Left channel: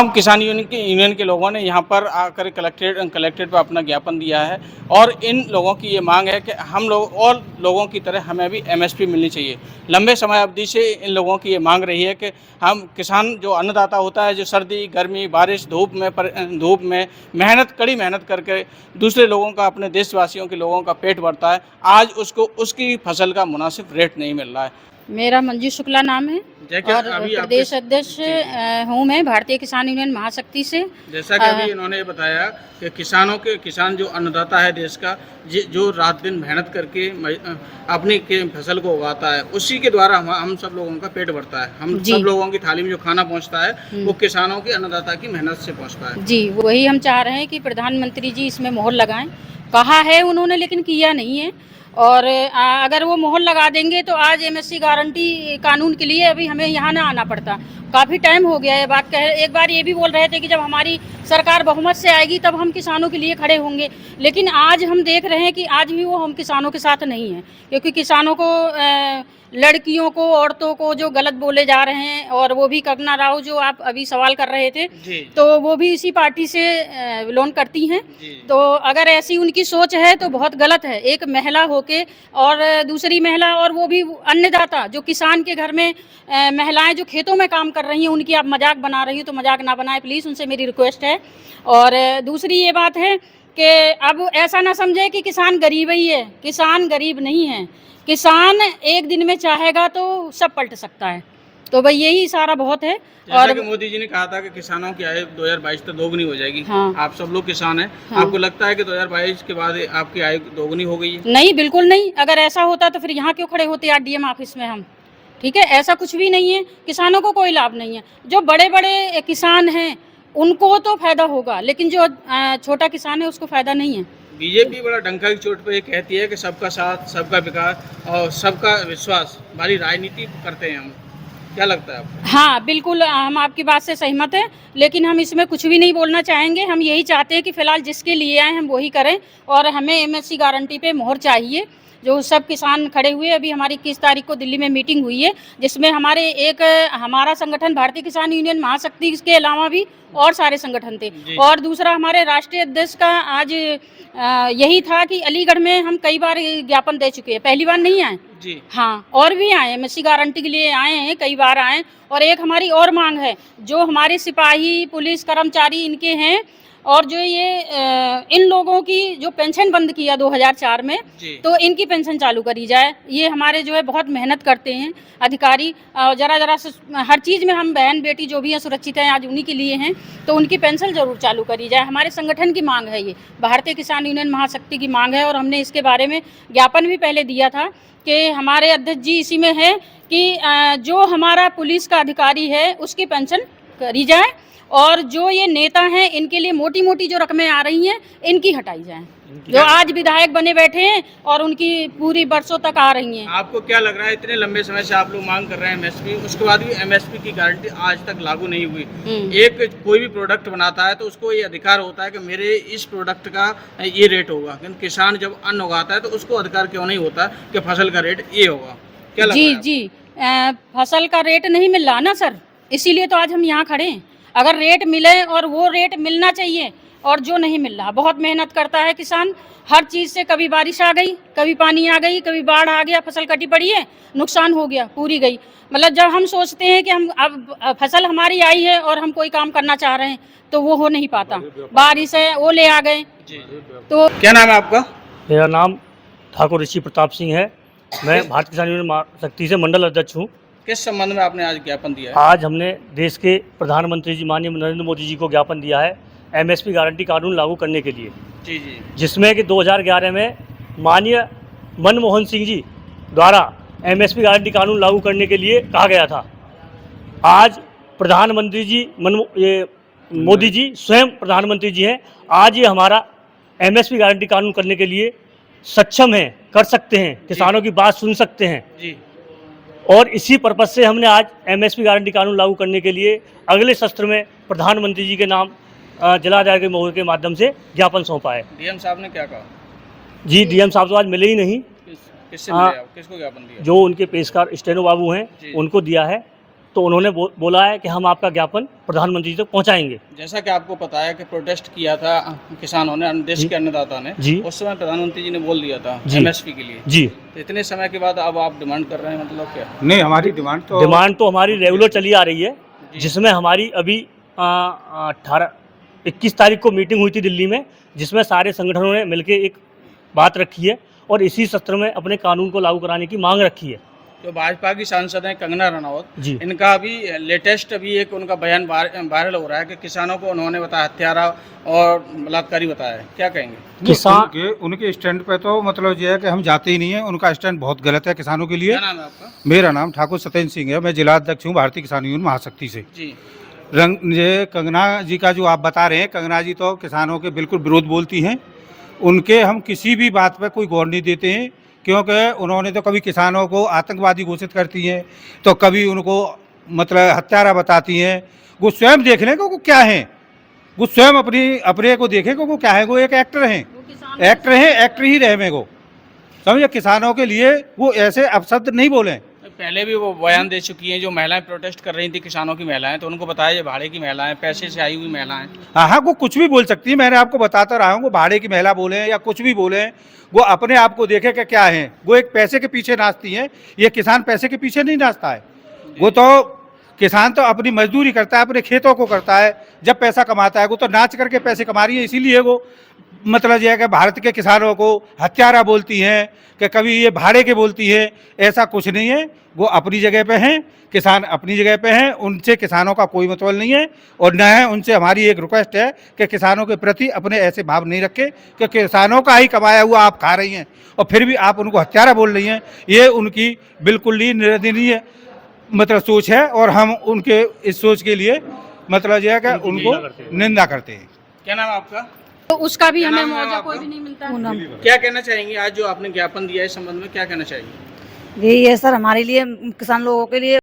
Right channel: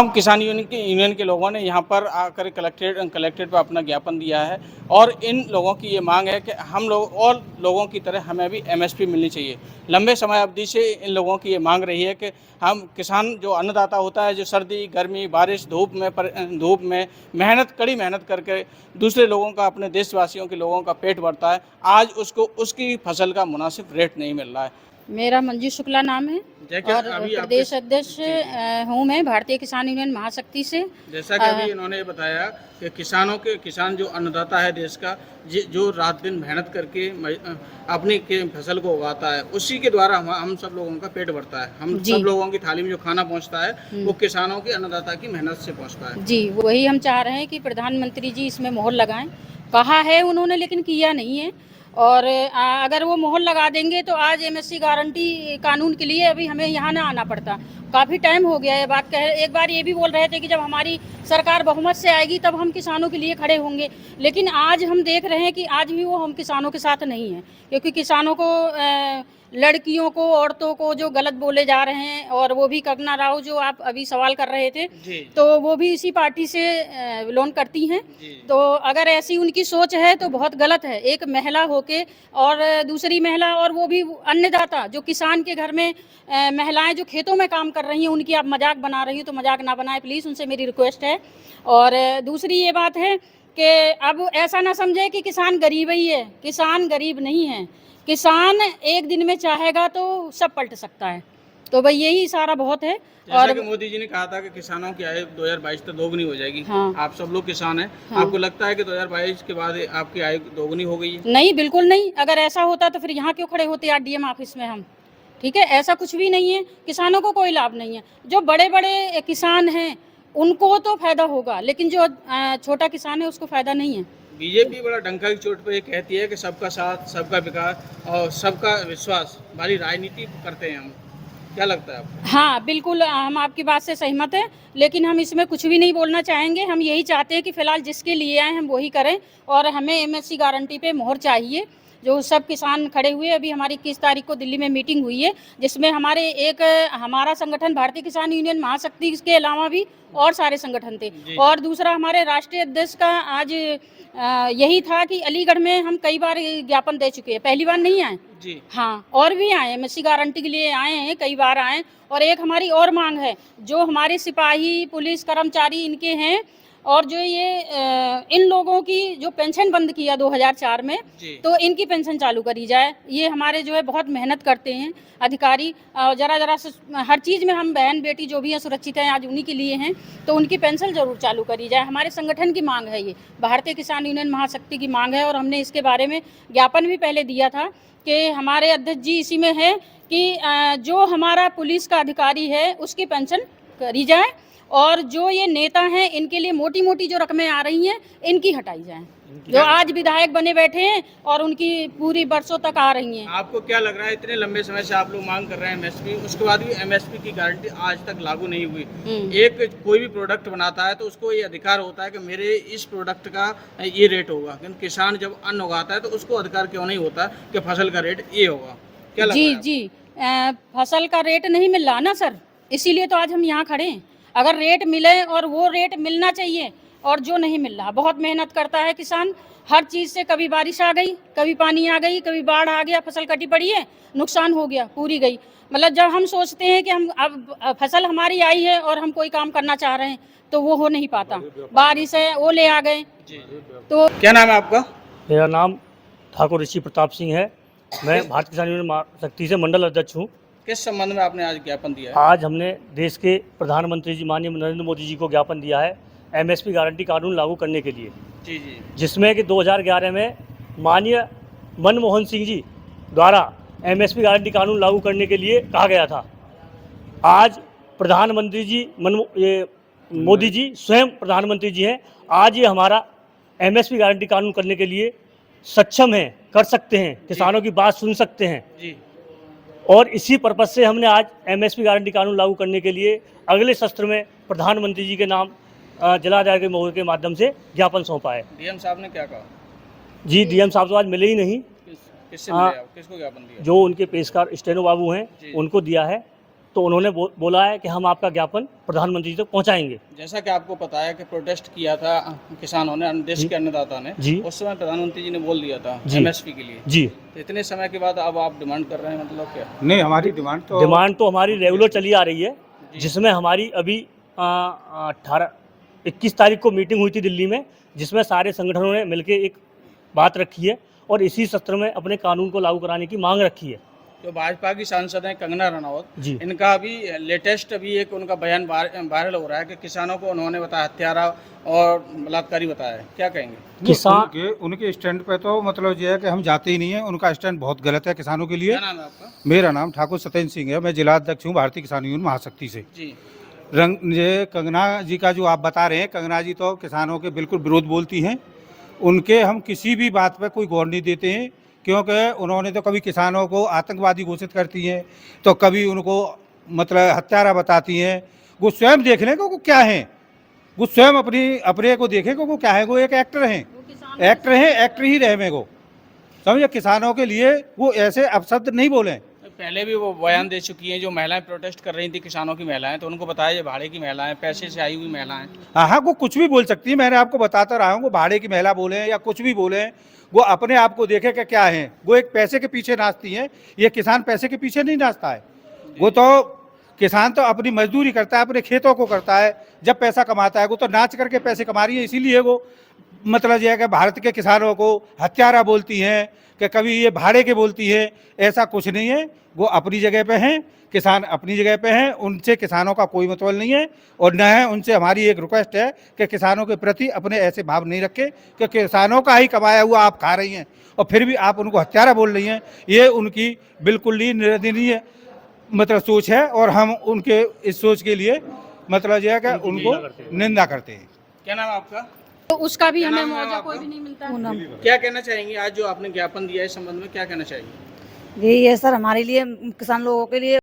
तमाम किसान यूनियन के लोगों ने यहाँ पर आकर कलेक्ट्रेट पर अपना ज्ञापन दिया है और इन लोगों की ये मांग है कि हम लोग और लोगों की तरह हमें भी एमएसपी मिलनी चाहिए। लंबे समय अवधि से इन लोगों की ये मांग रही है कि हम किसान जो अन्नदाता होता है, जो सर्दी गर्मी बारिश धूप में कड़ी मेहनत करके दूसरे लोगों का, अपने देशवासियों के लोगों का पेट भरता है, आज उसको उसकी फसल का मुनासिब रेट नहीं मिल रहा है। मेरा मंजू शुक्ला नाम है और अभी प्रदेश अध्यक्ष हूँ मैं भारतीय किसान यूनियन महाशक्ति से। जैसा कि अभी इन्होंने बताया कि किसान जो अन्नदाता है देश का, जो रात दिन मेहनत करके अपनी फसल को उगाता है, उसी के द्वारा हम सब लोगों का पेट भरता है। हम सब लोगों की थाली में जो खाना पहुंचता है वो किसानों की, अन्नदाता की मेहनत से पहुंचता है। जी, वही हम चाह रहे हैं कि प्रधानमंत्री जी इसमें मोहर लगाएं। कहा है उन्होंने लेकिन किया नहीं है, और अगर वो मोहर लगा देंगे तो आज एमएसपी गारंटी कानून के लिए अभी हमें यहाँ ना आना पड़ता। काफ़ी टाइम हो गया है बात एक बार ये भी बोल रहे थे कि जब हमारी सरकार बहुमत से आएगी तब हम किसानों के लिए खड़े होंगे, लेकिन आज हम देख रहे हैं कि आज भी वो हम किसानों के साथ नहीं है, क्योंकि किसानों को लड़कियों को, औरतों को जो गलत बोले जा रहे हैं, और वो भी कंगना राव जो आप अभी सवाल कर रहे थे, तो वो भी इसी पार्टी से बिलोंग करती हैं। तो अगर ऐसी उनकी सोच है तो बहुत गलत है। एक महिला होके और दूसरी महिला, और वो भी अन्नदाता जो किसान के घर में महिलाएं जो खेतों में काम कर रही हैं, उनकी आप मजाक बना रही हो तो मजाक ना बनाए प्लीज़, उनसे मेरी रिक्वेस्ट है। और दूसरी ये बात है कि अब ऐसा ना समझे कि किसान गरीब ही है, किसान गरीब नहीं है। किसान एक दिन में चाहेगा तो सब पलट सकता है, तो भाई यही इशारा बहुत है। और मोदी जी ने कहा था कि किसानों की आय 2022 तक दोगुनी हो जाएगी। हाँ। आप सब लोग किसान हैं, हाँ। आपको लगता है कि 2022 के बाद आपकी आय दोगुनी हो गई है? नहीं, बिल्कुल नहीं। अगर ऐसा होता तो फिर यहाँ क्यों खड़े होते आरडीएम ऑफिस में हम? ठीक है, ऐसा कुछ भी नहीं है। किसानों को कोई लाभ नहीं है। जो बड़े बड़े किसान हैं उनको तो फायदा होगा, लेकिन जो छोटा किसान है उसको फायदा नहीं है। बीजेपी बड़ा डंका की चोट पर ये कहती है कि सबका साथ, सबका विकास और सबका विश्वास वाली राजनीति करते हैं हम। क्या लगता है आपको? हाँ, बिल्कुल हम आपकी बात से सहमत हैं, लेकिन हम इसमें कुछ भी नहीं बोलना चाहेंगे। हम यही चाहते हैं कि फिलहाल जिसके लिए आए हम वही करें, और हमें एमएसपी गारंटी पे मोहर चाहिए। जो सब किसान खड़े हुए, अभी हमारी 21 तारीख को दिल्ली में मीटिंग हुई है, जिसमें हमारा संगठन भारतीय किसान यूनियन महाशक्ति, इसके अलावा भी और सारे संगठन थे। और दूसरा हमारे राष्ट्रीय अध्यक्ष का आज यही था कि अलीगढ़ में हम कई बार ज्ञापन दे चुके हैं, पहली बार नहीं आए जी। हाँ, और भी आए, एमएसपी गारंटी के लिए आए हैं, कई बार आए। और एक हमारी और मांग है, जो हमारे सिपाही पुलिस कर्मचारी इनके हैं, और जो ये इन लोगों की जो पेंशन बंद किया 2004 में, तो इनकी पेंशन चालू करी जाए। ये हमारे जो है बहुत मेहनत करते हैं अधिकारी, जरा से हर चीज़ में हम बहन बेटी जो भी हैं सुरक्षित हैं, आज उन्हीं के लिए हैं, तो उनकी पेंशन जरूर चालू करी जाए। हमारे संगठन की मांग है, ये भारतीय किसान यूनियन महाशक्ति की मांग है, और हमने इसके बारे में ज्ञापन भी पहले दिया था कि हमारे अध्यक्ष जी इसी में है कि जो हमारा पुलिस का अधिकारी है उसकी पेंशन करी जाए, और जो ये नेता हैं इनके लिए मोटी मोटी जो रकमें आ रही हैं इनकी हटाई जाए, जो आज विधायक बने बैठे हैं और उनकी पूरी बरसों तक आ रही हैं। आपको क्या लग रहा है, इतने लंबे समय से आप लोग मांग कर रहे हैं एमएसपी, उसके बाद भी एमएसपी की गारंटी आज तक लागू नहीं हुई? एक कोई भी प्रोडक्ट बनाता है तो उसको ये अधिकार होता है कि मेरे इस प्रोडक्ट का ये रेट होगा, लेकिन किसान जब अन्न उगाता है तो उसको अधिकार क्यों नहीं होता कि फसल का रेट ये होगा? क्या लगता है? जी, फसल का रेट नहीं मिल रहा ना सर, इसीलिए तो आज हम यहाँ खड़े हैं। अगर रेट मिले, और वो रेट मिलना चाहिए, और जो नहीं मिल रहा, बहुत मेहनत करता है किसान हर चीज़ से, कभी बारिश आ गई, कभी पानी आ गई, कभी बाढ़ आ गया, फसल कटी पड़ी है, नुकसान हो गया, पूरी गई। मतलब जब हम सोचते हैं कि हम अब फसल हमारी आई है और हम कोई काम करना चाह रहे हैं तो वो हो नहीं पाता, बारिश है ओले आ गए। तो क्या नाम है आपका? मेरा नाम ठाकुर ऋषि प्रताप सिंह है। मैं भारतीय किसान यूनियन महाशक्ति से मंडल अध्यक्ष हूँ। किस संबंध में आपने आज ज्ञापन दिया है? आज हमने देश के प्रधानमंत्री जी माननीय नरेंद्र मोदी जी को ज्ञापन दिया है एमएसपी गारंटी कानून लागू करने के लिए, जी, जिसमें कि 2011 में माननीय मनमोहन सिंह जी द्वारा एमएसपी गारंटी कानून लागू करने के लिए कहा गया था। आज प्रधानमंत्री जी मोदी जी स्वयं प्रधानमंत्री जी हैं, आज ये हमारा एमएसपी गारंटी कानून करने के लिए सक्षम है, कर सकते हैं, किसानों की बात सुन सकते हैं जी। और इसी पर्पज से हमने आज एमएसपी गारंटी कानून लागू करने के लिए अगले सत्र में प्रधानमंत्री जी के नाम जिलाधिकारी के मोहर के माध्यम से ज्ञापन सौंपा है। डीएम साहब ने क्या कहा? जी, डीएम साहब तो आज मिले ही नहीं। किससे मिले आप? किसको ज्ञापन दिया? जो उनके पेशकार स्टेनो बाबू हैं उनको दिया है, तो उन्होंने बोला है कि हम आपका ज्ञापन प्रधानमंत्री तक पहुंचाएंगे। जैसा कि आपको पता है कि प्रोटेस्ट किया था किसानों ने, देश के अन्नदाता ने जी। उस समय प्रधानमंत्री जी ने बोल दिया था जी। एमएसपी के लिए। जी। तो इतने समय के बाद अब आप डिमांड कर रहे हैं, मतलब क्या? नहीं, हमारी डिमांड तो हमारी रेगुलर चली आ रही है, जिसमें हमारी अभी 21 तारीख को मीटिंग हुई थी दिल्ली में, जिसमें सारे संगठनों ने मिलकर एक बात रखी है और इसी सत्र में अपने कानून को लागू कराने की मांग रखी है। जो भाजपा की सांसद हैं कंगना रनौत जी। इनका अभी लेटेस्ट एक उनका बयान वायरल हो रहा है कि किसानों को उन्होंने बताया हत्यारा और बलात्कारी बताया है, क्या कहेंगे? किसान उनके स्टैंड पे तो मतलब ये है कि हम जाते ही नहीं है। उनका स्टैंड बहुत गलत है किसानों के लिए। क्या नाम है आपका? मेरा नाम ठाकुर सत्येंद्र सिंह है, मैं जिला अध्यक्ष हूँ भारतीय किसान यूनियन महाशक्ति से। जी। ये कंगना जी का जो आप बता रहे हैं, कंगना जी तो किसानों के बिल्कुल विरोध बोलती हैं। उनके हम किसी भी बात पर कोई गौर नहीं देते हैं, क्योंकि उन्होंने तो कभी किसानों को आतंकवादी घोषित करती हैं, तो कभी उनको मतलब हत्यारा बताती हैं। वो स्वयं देख लें कि वो क्या हैं, वो स्वयं अपने को देखें कि वो क्या है। वो एक एक्टर हैं, एक्टर ही रहे मेरे को समझे। किसानों के लिए वो ऐसे अपशब्द नहीं बोले। पहले भी वो बयान दे चुकी हैं, जो महिलाएं प्रोटेस्ट कर रही थी किसानों की महिलाएं, तो उनको बताया ये भाड़े की महिलाएं, पैसे से आई हुई महिलाएं। हाँ, वो कुछ भी बोल सकती है, मैंने आपको बताता रहा हूँ। वो भाड़े की महिला बोले या कुछ भी बोले, वो अपने आप को देखे कि क्या है। वो एक पैसे के पीछे नाचती हैं, ये किसान पैसे के पीछे नहीं नाचता है। वो तो किसान तो अपनी मजदूरी करता है, अपने खेतों को करता है, जब पैसा कमाता है वो तो नाच करके पैसे कमा रही है। इसीलिए वो मतलब यह है कि भारत के किसानों को हत्यारा बोलती हैं, कि कभी ये भाड़े के बोलती है। ऐसा कुछ नहीं है, वो अपनी जगह पे हैं, किसान अपनी जगह पे हैं, उनसे किसानों का कोई मतलब नहीं है। और न है उनसे हमारी एक रिक्वेस्ट है कि किसानों के प्रति अपने ऐसे भाव नहीं रखे कि किसानों का ही कमाया हुआ आप खा रही हैं और फिर भी आप उनको हत्यारा बोल रही हैं। ये उनकी बिल्कुल ही निंदनीय मतलब सोच है, और हम उनके इस सोच के लिए मतलब यह है कि उनको निंदा करते हैं। क्या नाम है आपका? तो उसका भी क्या हमें नाम है मुआवजा आपका? कोई भी नहीं मिलता है। क्या कहना चाहेंगे आज जो आपने ज्ञापन दिया है इस संबंध में, क्या कहना चाहेंगे? यही है सर, हमारे लिए किसान लोगों के लिए